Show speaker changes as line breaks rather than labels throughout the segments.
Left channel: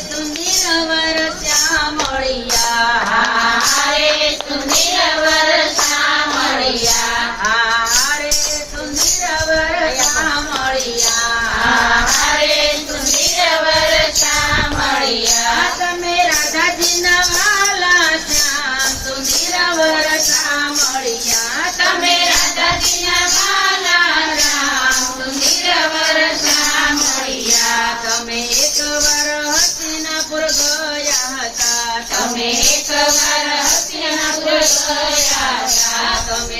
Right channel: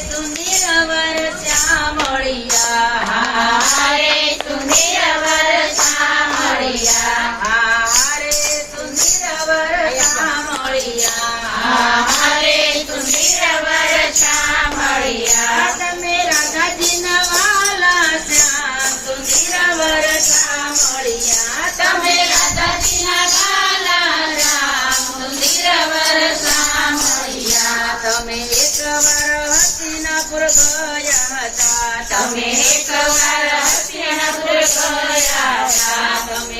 સુંદર વર શ્યામળિયા
હારે સુંદર વર શ્યામળિયા
હારે સુંદર વર શ્યામળિયા
હારે સુંદર વર શ્યામળિયા
તમે રાધાજી ના વાલા શ્યામ તમે તમે એક વાર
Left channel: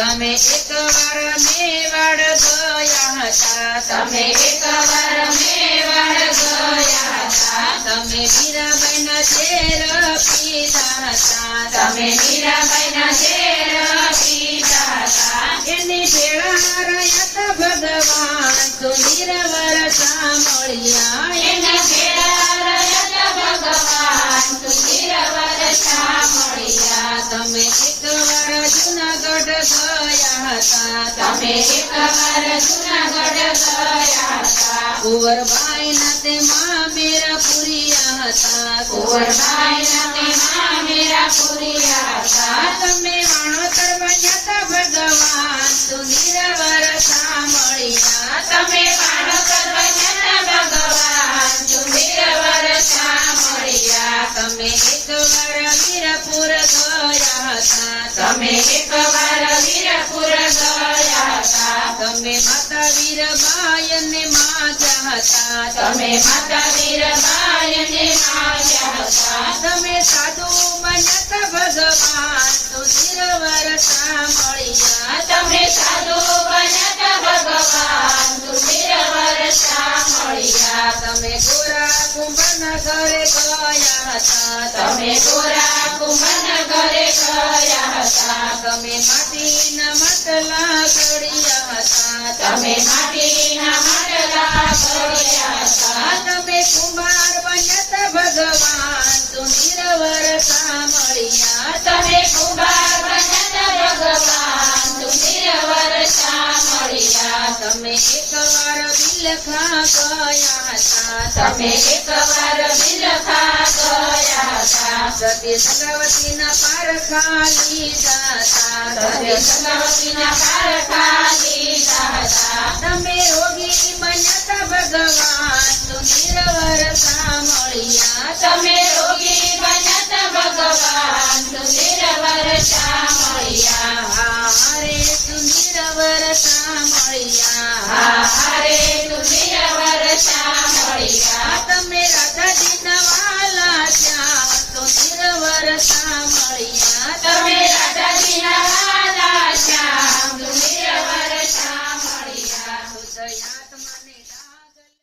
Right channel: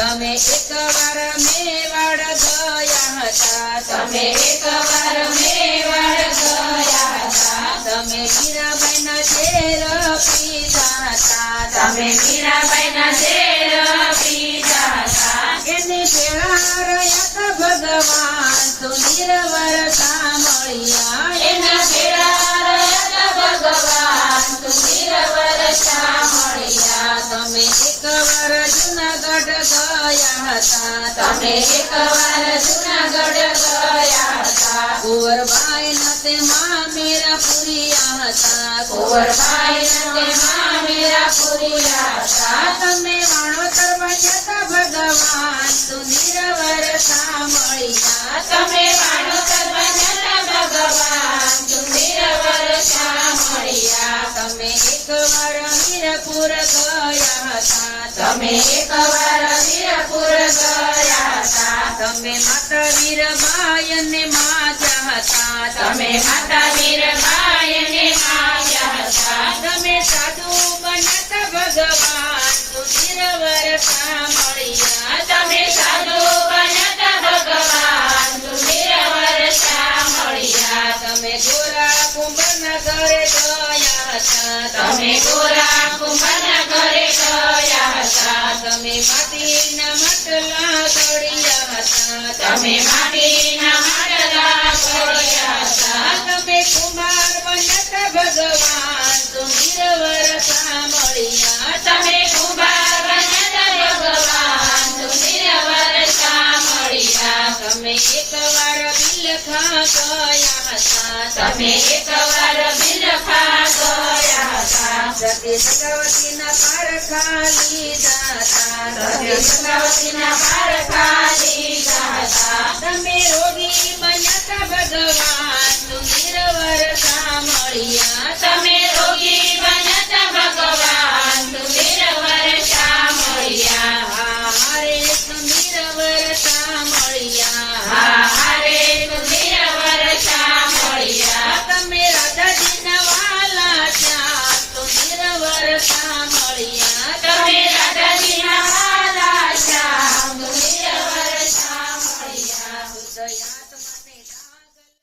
તમે એકવાર મેવાડ ગયા હતા
તમે એકવાર મેવાડ ગયા હતા
તમે મીરાબેન શેર પીધા હતા
તમે મીરાબાઈના શેર પીધા હતા
એની ભેળા રહ્યા હતા ભગવાન સુંદર વરસા મળ્યા ગયા હતા
તમે એકવાર જુનાગઢ ગયા હતા
કુંવરબાઈ ના તેમાં મેરા પુરિયા હતા
કુંવરબાઈના તેમાં મેરા પૂર્યા હતા
તમે વાણોતર બન્યા હતા ભગવાન સુંદર વરસા મળ્યા
તમે વાણોતર બન્યા ભગવાન સુંદર વરસા મળ્યા
તમે એકવાર મીરપુર ગયા હતા
તમે એકવાર વીરપુર ગયા હતા
તમે માતા વીરબાઈ અને માતા હતા
તમે માતા વીરબાઈને માવ્યા હતા
તમે સાધુ બન્યા ભગવાન હતા તમે માટીના માટલા તળિયા હતા
તમે માટીના માટલા કર્યા હતા
તમે કુમાર બન્યા ભગવાન સુંદર વરસા મળ્યા
તમે કુંભાર બન્યા ભગવાન સુંદર વરસા મળ્યા
તમે એકવાર બિલખા ગયા હતા
તમે એકવાર બિલખા ગયા
હરે સંગવતીના પાર ખાલી દાતા
હરે સંગવતીના
તમે રોગી બન્યા ભગવાન નિરવર મળ્યા
તમે